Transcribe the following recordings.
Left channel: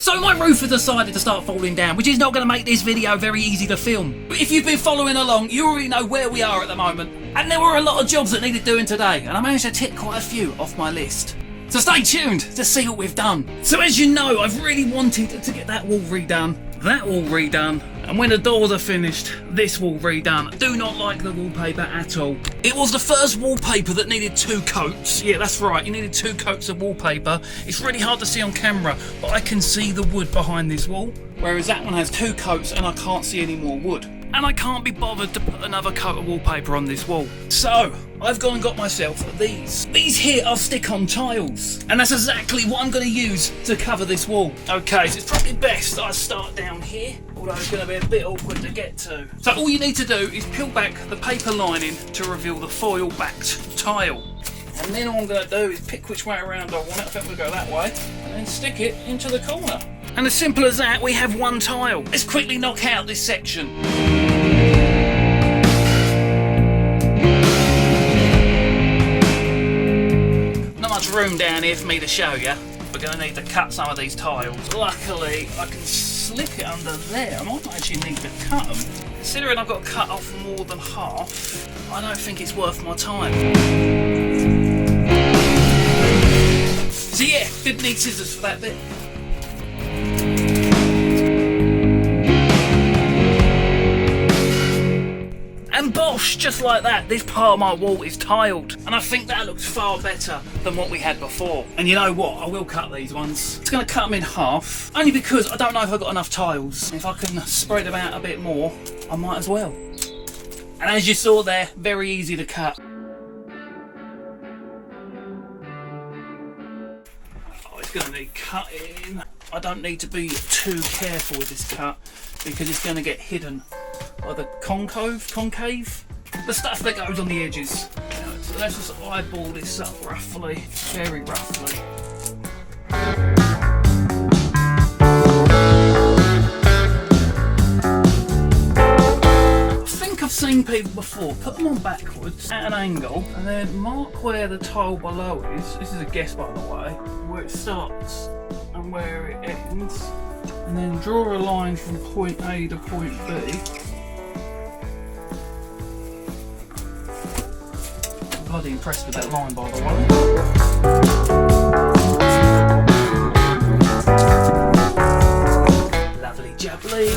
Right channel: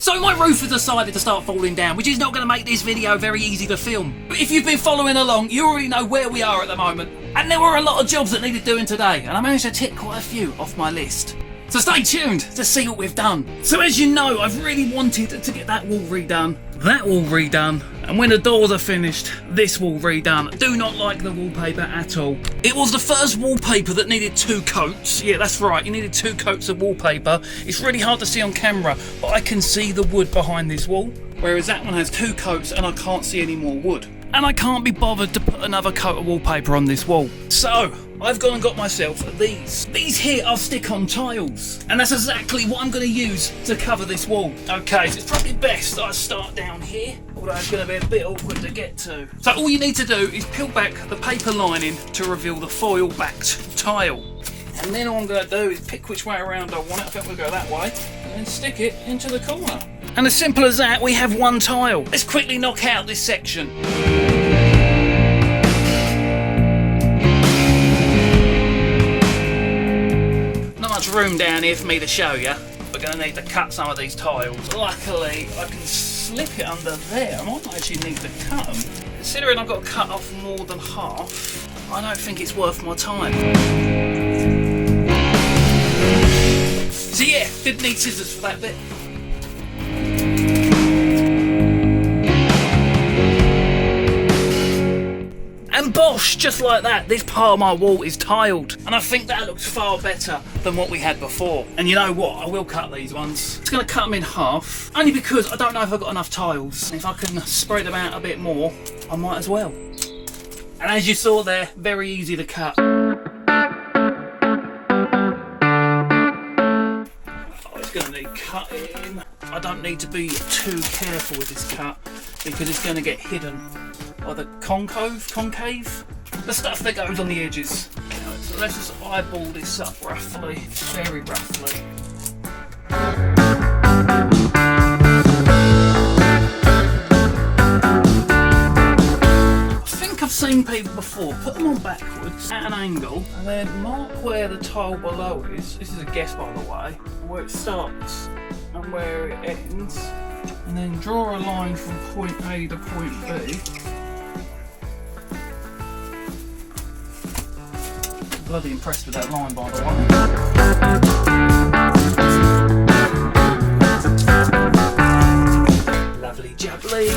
So my roof has decided to start falling down, which is not going to make this video very easy to film. But if you've been following along, you already know where we are at the moment. And there were a lot of jobs that needed doing today, and I managed to tick quite a few off my list. So stay tuned to see what we've done. So as you know, I've really wanted to get that wall redone, that wall redone, and when the doors are finished, this wall redone. I do not like the wallpaper at all. It was the first wallpaper that needed 2 coats. Yeah, that's right, you needed 2 coats of wallpaper. It's really hard to see on camera, but I can see the wood behind this wall. Whereas that one has 2 coats and I can't see any more wood. And I can't be bothered to put another coat of wallpaper on this wall. So, I've gone and got myself these. These here are stick-on tiles. And that's exactly what I'm going to use to cover this wall. Okay, so it's probably best I start down here, although it's going to be a bit awkward to get to. So all you need to do is peel back the paper lining to reveal the foil-backed tile. And then all I'm going to do is pick which way around I want it. I think we'll go that way. And then stick it into the corner. And as simple as that, we have one tile. Let's quickly knock out this section. Not much room down here for me to show you. We're going to need to cut some of these tiles. Luckily, I can slip it under there. I might not actually need to cut them. Considering I've got to cut off more than half, I don't think it's worth my time. So yeah, did need scissors for that bit. And bosh, just like that, this part of my wall is tiled. And I think that looks far better than what we had before. And you know what, I will cut these ones. It's going to cut them in half, only because I don't know if I've got enough tiles. If I can spread them out a bit more, I might as well. And as you saw there, very easy to cut. Going to need cutting. I don't need to be too careful with this cut because it's going to get hidden by the concave, the stuff that goes on the edges. So let's just eyeball this up roughly, very roughly. I've seen people before put them on backwards at an angle and then mark where the tile below is. This is a guess, by the way, where it starts and where it ends, and then draw a line from point A to point B. I'm bloody impressed with that line, by the way. Lovely jubbly.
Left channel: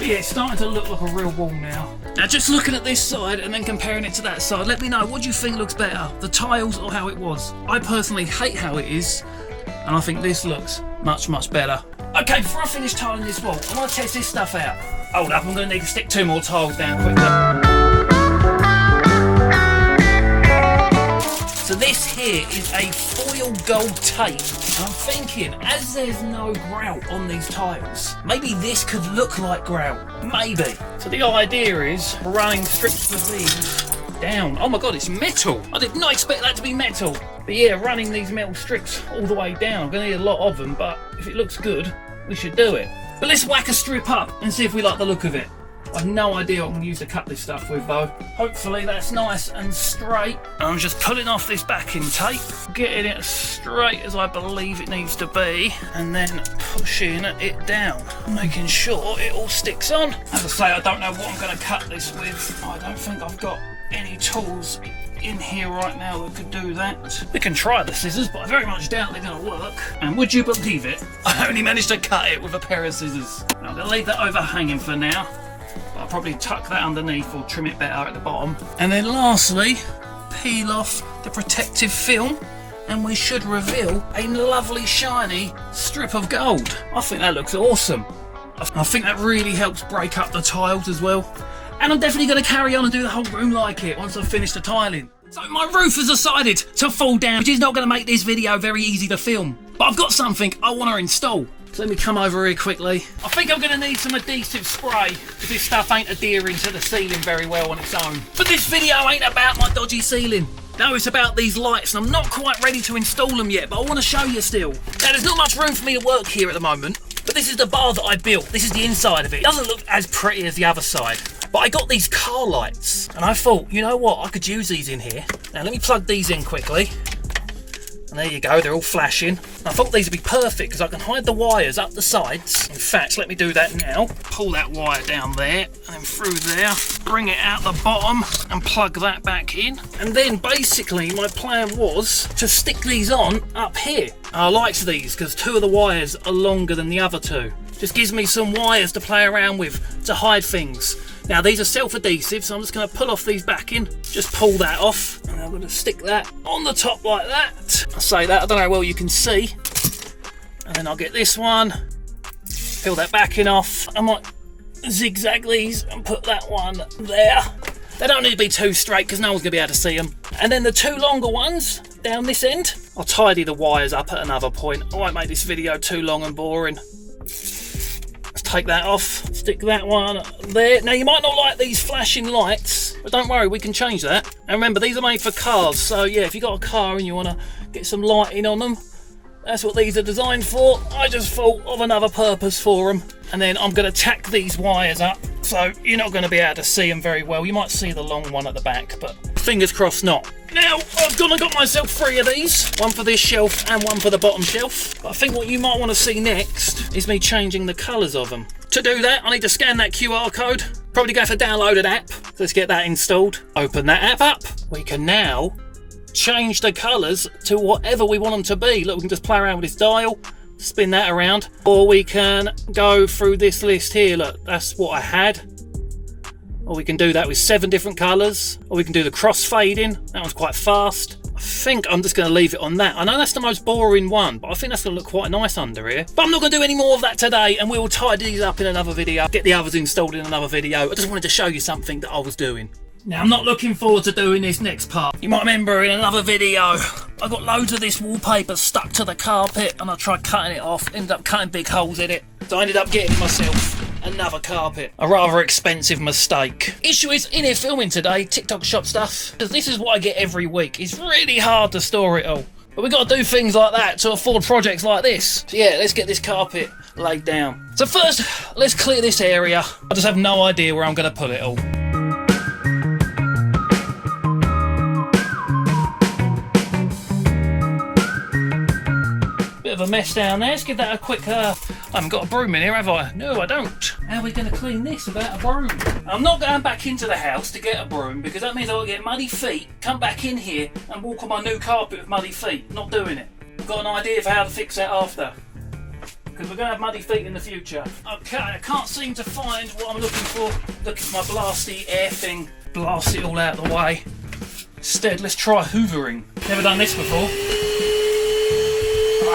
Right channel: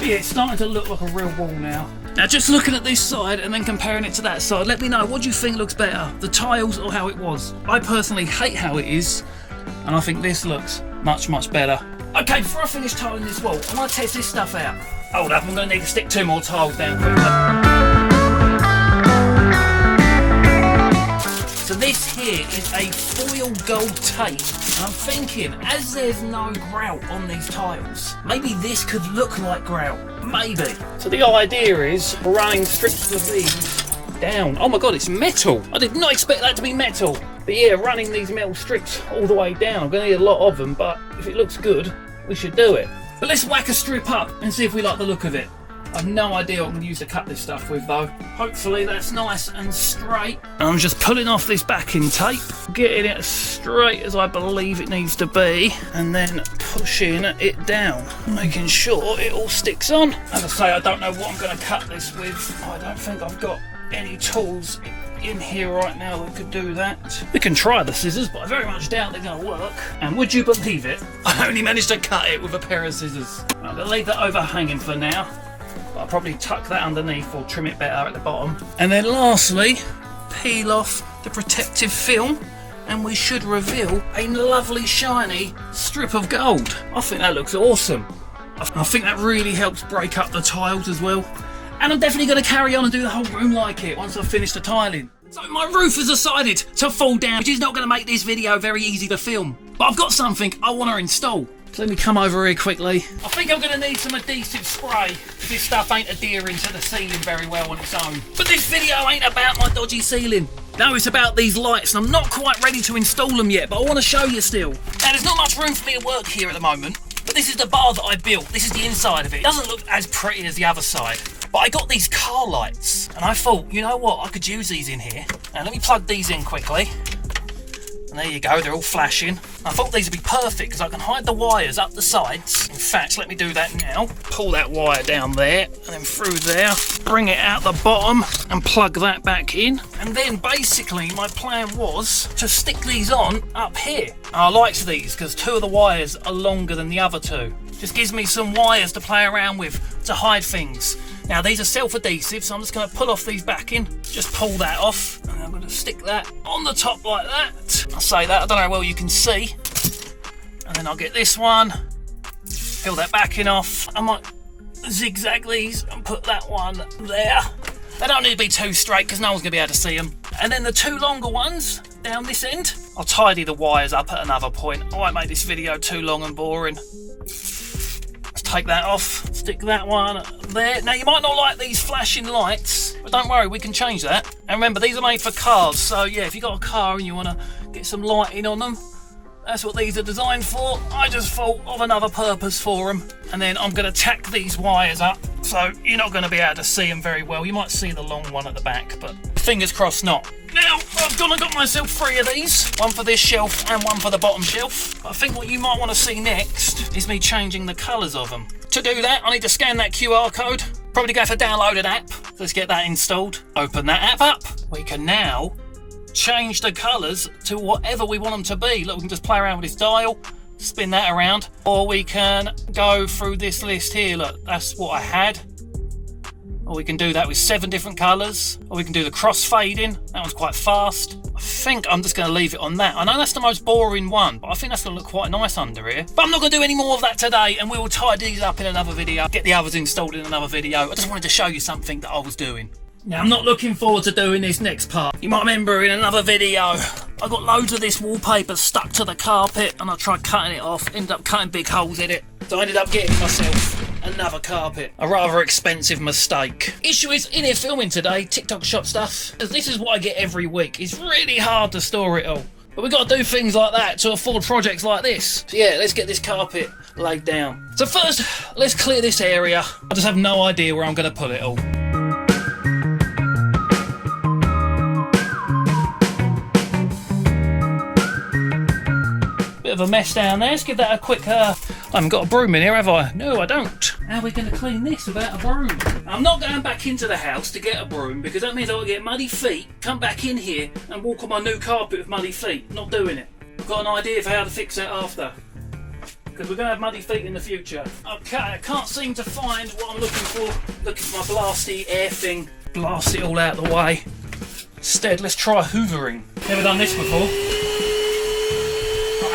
Yeah, it's starting to look like a real wall now. Now just looking at this side and then comparing it to that side, let me know, what do you think looks better? The tiles or how it was? I personally hate how it is, and I think this looks much, much better. Okay, before I finish tiling this wall, I want to test this stuff out. Hold up, I'm going to need to stick 2 more tiles down quickly. So this here is a foil gold tape, and I'm thinking, as there's no grout on these tiles, maybe this could look like grout, maybe. So the idea is running strips of these down. Oh my god, it's metal! I did not expect that to be metal. But yeah, running these metal strips all the way down. I'm going to need a lot of them, but if it looks good, we should do it. But let's whack a strip up and see if we like the look of it. I've no idea what I'm going to use to cut this stuff with though. Hopefully that's nice and straight. And I'm just pulling off this backing tape, getting it as straight as I believe it needs to be, and then pushing it down, making sure it all sticks on. As I say, I don't know what I'm going to cut this with. I don't think I've got any tools in here right now that could do that. We can try the scissors, but I very much doubt they're going to work. And would you believe it, I only managed to cut it with a pair of scissors. I'm going to leave that overhanging for now. I'll probably tuck that underneath or trim it better at the bottom. And then lastly, peel off the protective film and we should reveal a lovely shiny strip of gold. I think that looks awesome. I think that really helps break up the tiles as well. And I'm definitely going to carry on and do the whole room like it once I've finished the tiling. So my roof has decided to fall down, which is not going to make this video very easy to film. But I've got something I want to install. So let me come over here quickly. I think I'm going to need some adhesive spray because this stuff ain't adhering to the ceiling very well on its own. But this video ain't about my dodgy ceiling. No, it's about these lights. I'm not quite ready to install them yet, but I want to show you still. Now, there's not much room for me to work here at the moment, but this is the bar that I built. This is the inside of it. It doesn't look as pretty as the other side. But I got these car lights, and I thought, you know what, I could use these in here. Now let me plug these in quickly. And there you go, they're all flashing. I thought these would be perfect because I can hide the wires up the sides. In fact, let me do that now. Pull that wire down there and then through there. Bring it out the bottom and plug that back in. And then basically my plan was to stick these on up here. I liked these because 2 of the wires are longer than the other 2. Just gives me some wires to play around with to hide things. Now these are self-adhesive, so I'm just going to pull off these backing. Just pull that off. And I'm going to stick that on the top like that. I say that, I don't know how well you can see. And then I'll get this one. Peel that backing off. I might zigzag these and put that one there. They don't need to be too straight because no one's going to be able to see them. And then the 2 longer ones down this end, I'll tidy the wires up at another point. I won't make this video too long and boring. Take that off, stick that one there. Now you might not like these flashing lights, but don't worry, we can change that. And remember, these are made for cars, so yeah, if you've got a car and you want to get some lighting on them, that's what these are designed for. I just thought of another purpose for them. And then I'm going to tack these wires up, so you're not going to be able to see them very well. You might see the long one at the back, but fingers crossed not. Now, I've gone and got myself 3 of these. One for this shelf and one for the bottom shelf. But I think what you might want to see next is me changing the colours of them. To do that, I need to scan that QR code. Probably go to download an app. Let's get that installed. Open that app up. We can now change the colours to whatever we want them to be. Look, we can just play around with this dial, spin that around, or we can go through this list here. Look, that's what I had. Or we can do that with 7 different colours, or we can do the cross fading. That one's quite fast. I think I'm just going to leave it on that. I know that's the most boring one, but I think that's going to look quite nice under here. But I'm not going to do any more of that today, and we will tidy these up in another video, get the others installed in another video. I just wanted to show you something that I was doing. Now, I'm not looking forward to doing this next part. You might remember in another video, I got loads of this wallpaper stuck to the carpet and I tried cutting it off, ended up cutting big holes in it. So I ended up getting myself another carpet. A rather expensive mistake. Issue is, in here filming today, TikTok shop stuff, because this is what I get every week. It's really hard to store it all. But we've got to do things like that to afford projects like this. So yeah, let's get this carpet laid down. So first, let's clear this area. I just have no idea where I'm going to put it all. Of a mess down there. Let's give that a quick I haven't got a broom in here, have I? No, I don't. How are we going to clean this without a broom? I'm not going back into the house to get a broom because that means I'll get muddy feet, come back in here and walk on my new carpet with muddy feet. Not doing it. I've got an idea for how to fix that after, because we're going to have muddy feet in the future. Okay, I can't seem to find what I'm looking for. Look at my blasty air thing. Blast it all out of the way. Instead, let's try hoovering. Never done this before.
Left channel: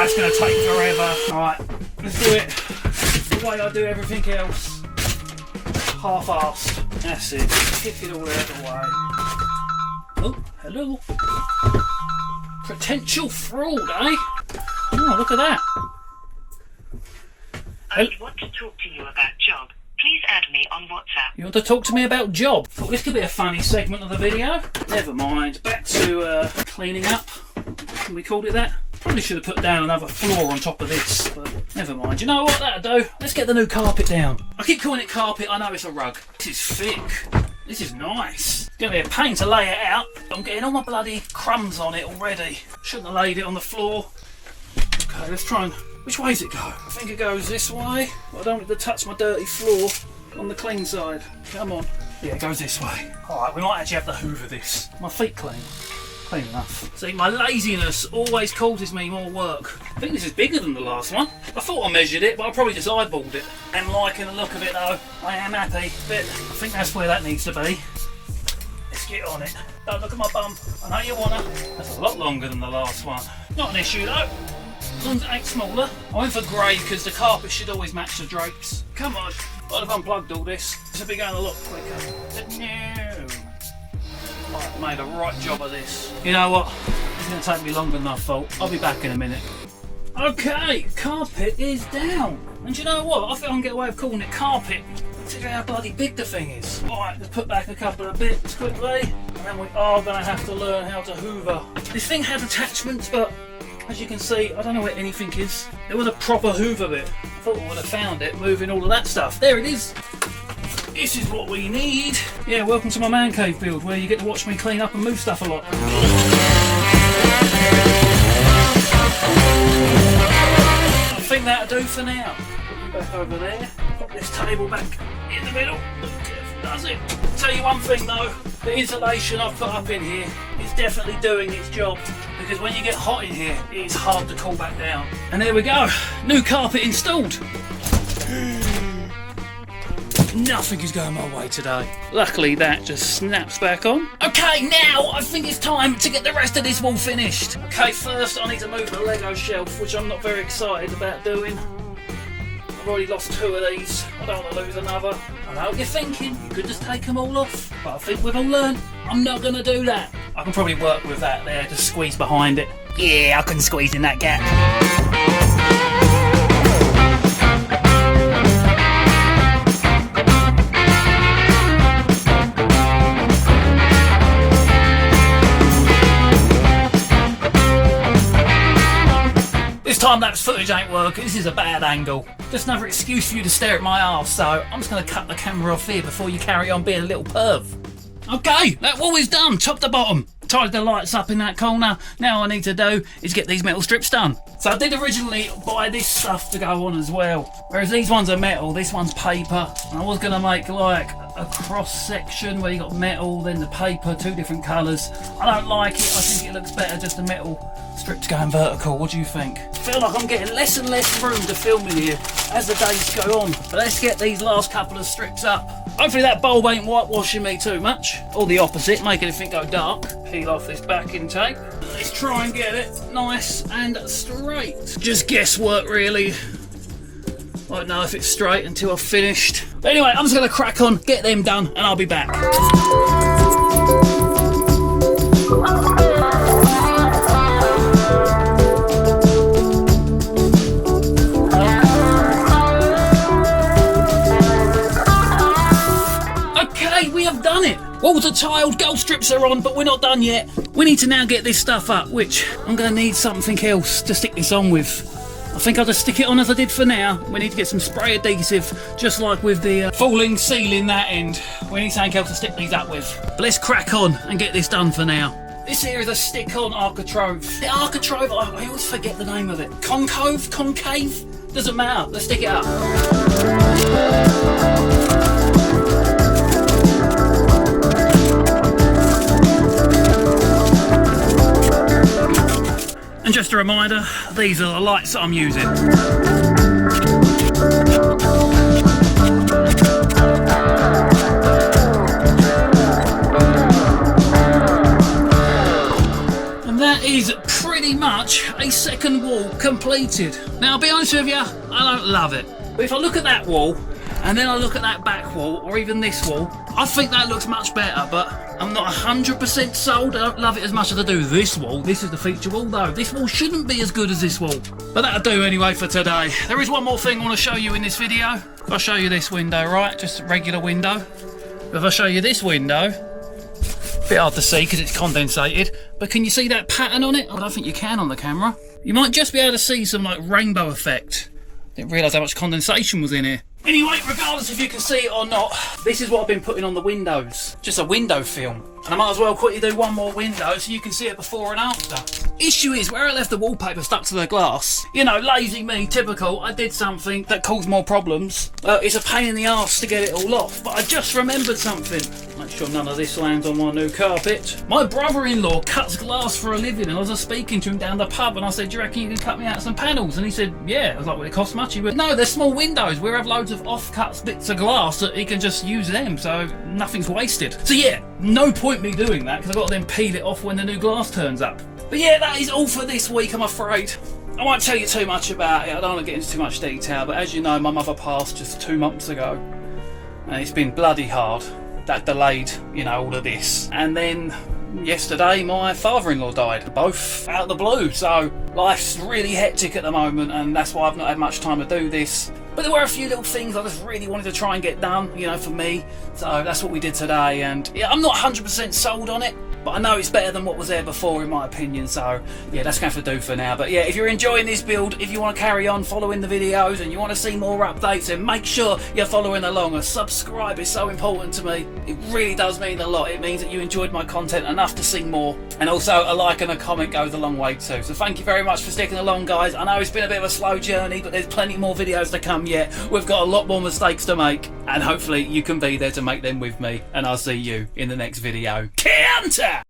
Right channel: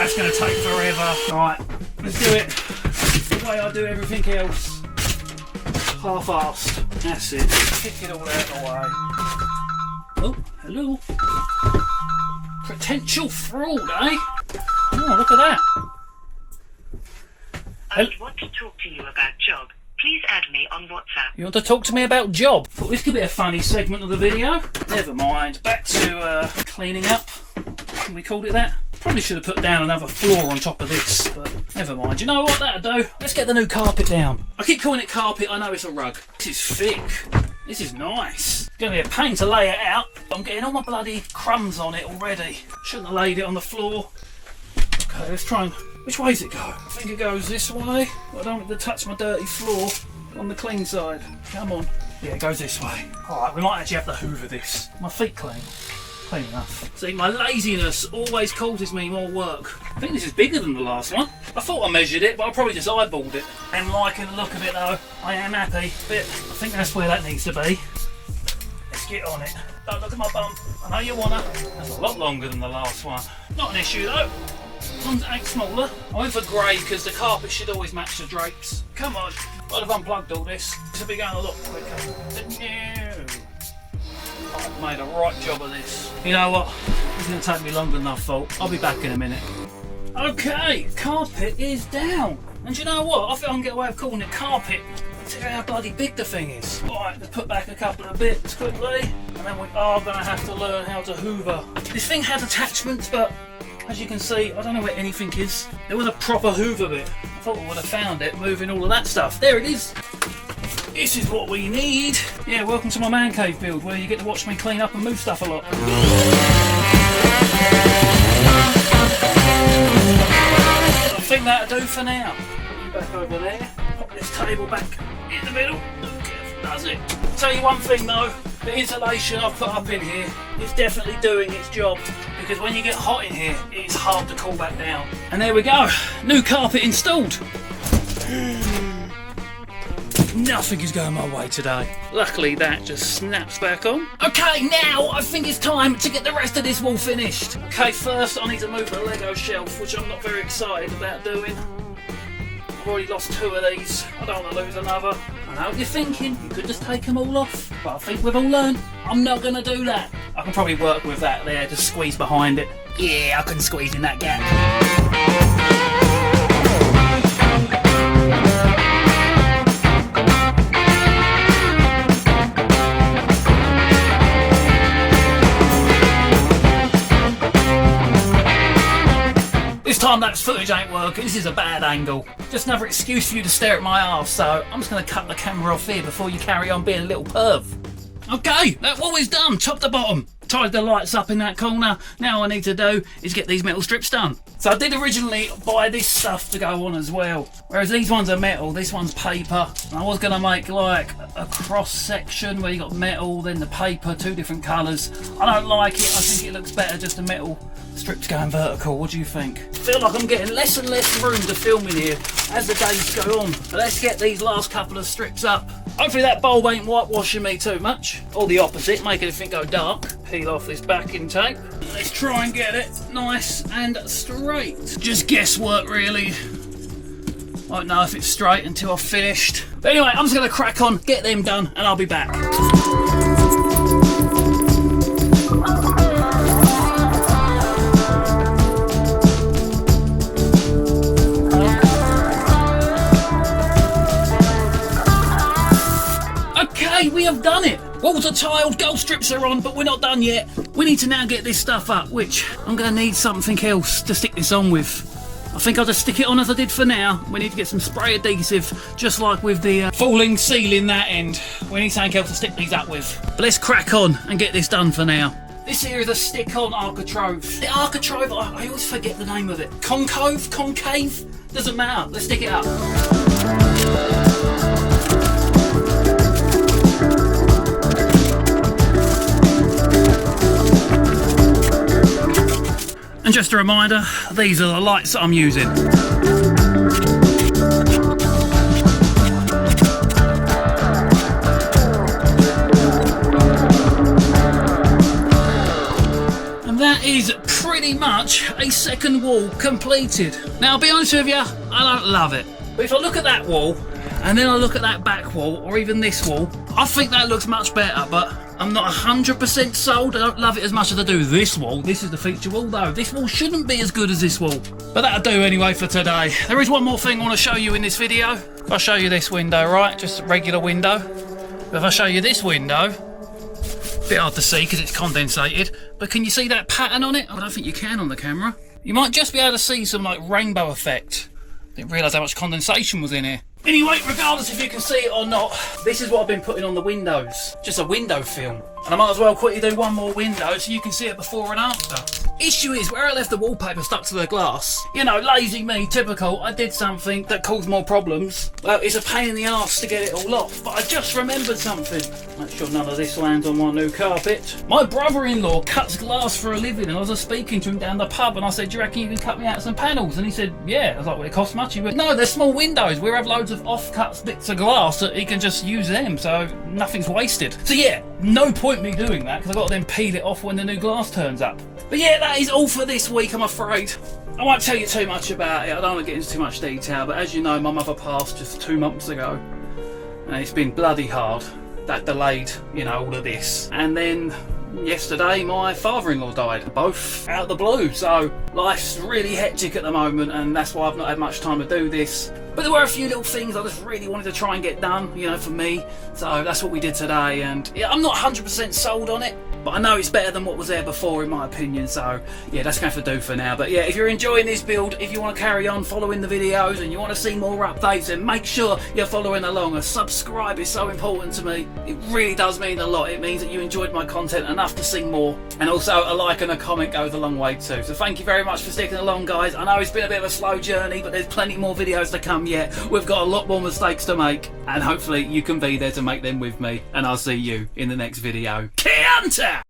It's going to take forever. Alright, let's do it the way I do everything else. Half-assed. That's it. Stick it all out of the way. Oh, hello. Potential fraud, eh? Oh, look at that. I want to talk to you about job. Please add me on WhatsApp. You want to talk to me about job? Thought this could be a funny segment of the video. Never mind. Back to cleaning up. Can we call it that? Probably should have put down another floor on top of this, but never mind. You know what, that'll do. Let's get the new carpet down. I keep calling it carpet, I know it's a rug. This is thick. This is nice. It's going to be a pain to lay it out. I'm getting all my bloody crumbs on it already. Shouldn't have laid it on the floor. Okay, let's try and... Which way does it go? I think it goes this way. I don't want to touch my dirty floor on the clean side. Come on. Yeah, it goes this way. Alright, we might actually have to hoover this. My feet clean. Clean enough. See, my laziness always causes me more work. I think this is bigger than the last one. I thought I measured it, but I probably just eyeballed it. I'm liking the look of it though. I am happy. But I think that's where that needs to be. Let's get on it. Don't look at my bum. I know you wanna. That's a lot longer than the last one. Not an issue though. As long as it ain't smaller. I went for grey because the carpet should always match the drapes. Come on. I'd have unplugged all this. It should be going a lot quicker. No. I've made a right job of this. You know what? It's going to take me longer than I thought. I'll be back in a minute. Okay, carpet is down. And you know what? I think I can get away with calling it carpet. See how bloody big the thing is. Alright, let's put back a couple of bits quickly. And then we are going to have to learn how to hoover. This thing has attachments, but as you can see, I don't know where anything is. There was a proper hoover bit. I thought we would have found it moving all of that stuff. There it is. this is what we need. Yeah, welcome to my man cave build, where you get to watch me clean up and move stuff a lot. I think that'll do for now. Back over there, pop this table back in the middle. Does it. I'll tell you one thing though, the insulation I've put up in here is definitely doing its job, because when you get hot in here, it's hard to cool back down. And there we go, new carpet installed. Nothing is going my way today. Luckily that just snaps back on. Okay, now I think it's time to get the rest of this wall finished. Okay, first I need to move the Lego shelf, which I'm not very excited about doing. I've already lost 2 of these. I don't want to lose another. I know what you're thinking, you could just take them all off. But I think we've all learned, I'm not going to do that. I can probably work with that there, just squeeze behind it. Yeah, I can squeeze in that gap. This time-lapse footage ain't working, this is a bad angle. Just another excuse for you to stare at my arse, so I'm just going to cut the camera off here before you carry on being a little perv. Okay, that wall is done, top to bottom. Tied the lights up in that corner. Now all I need to do is get these metal strips done. So I did originally buy this stuff to go on as well. Whereas these ones are metal, this one's paper. And I was going to make like a cross section where you got metal, then the paper, 2 different colours. I don't like it, I think it looks better just the metal strips going vertical. What do you think? I feel like I'm getting less and less room to film in here as the days go on. But let's get these last couple of strips up. Hopefully that bulb ain't whitewashing me too much. Or the opposite, making everything go dark. Peel off this backing tape. Let's try and get it nice and straight. Just guesswork really. I don't know if it's straight until I've finished. But anyway, I'm just going to crack on, get them done, and I'll be back. Okay, we have done it. Walls are tiled, gold strips are on, but we're not done yet. We need to now get this stuff up, which I'm going to need something else to stick this on with. I think I'll just stick it on as I did for now. We need to get some spray adhesive, just like with the falling ceiling that end. We need something else to stick these up with. But let's crack on and get this done for now. This here is a stick-on architrave. The architrave, I always forget the name of it. Concave? Doesn't matter. Let's stick it up. And just a reminder, these are the lights that I'm using. And that is pretty much a second wall completed. Now I'll be honest with you, I don't love it. But if I look at that wall, and then I look at that back wall, or even this wall, I think that looks much better, but I'm not 100% sold. I don't love it as much as I do this wall. This is the feature wall though. This wall shouldn't be as good as this wall. But that'll do anyway for today. There is one more thing I want to show you in this video. If I show you this window, right, just a regular window. If I show you this window, a bit hard to see because it's condensated, but can you see that pattern on it? I don't think you can on the camera. You might just be able to see some like rainbow effect. Didn't realise how much condensation was in here. Anyway, regardless if you can see it or not, this is what I've been putting on the windows. Just a window film. And I might as well quickly do one more window so you can see it before and after. Issue is, where I left the wallpaper stuck to the glass, you know, lazy me, typical, I did something that caused more problems. Well, it's a pain in the arse to get it all off, but I just remembered something. Make sure none of this lands on my new carpet. My brother-in-law cuts glass for a living, and I was just speaking to him down the pub, and I said, do you reckon you can cut me out some panels? And he said, yeah. I was like, well, it costs much. He went, no, they're small windows. We have loads of off-cut bits of glass that he can just use them, so nothing's wasted. So yeah, no point me doing that, because I've got to then peel it off when the new glass turns up. But yeah, that is all for this week, I'm afraid. I won't tell you too much about it, I don't want to get into too much detail, but as you know, my mother passed just 2 months ago, and it's been bloody hard. That delayed, you know, all of this. And then yesterday, my father-in-law died, both out of the blue, so life's really hectic at the moment, and that's why I've not had much time to do this. But there were a few little things I just really wanted to try and get done, you know, for me. So that's what we did today, and yeah, I'm not 100% sold on it. but I know it's better than what was there before in my opinion, so yeah, that's going to do for now. But yeah, if you're enjoying this build, if you want to carry on following the videos and you want to see more updates, then make sure you're following along. A subscribe is so important to me. It really does mean a lot. It means that you enjoyed my content enough to see more, and also a like and a comment goes a long way too. So thank you very much for sticking along, guys. I know it's been a bit of a slow journey, but there's plenty more videos to come yet. We've got a lot more mistakes to make, and hopefully you can be there to make them with me, and I'll see you in the next video. Counter!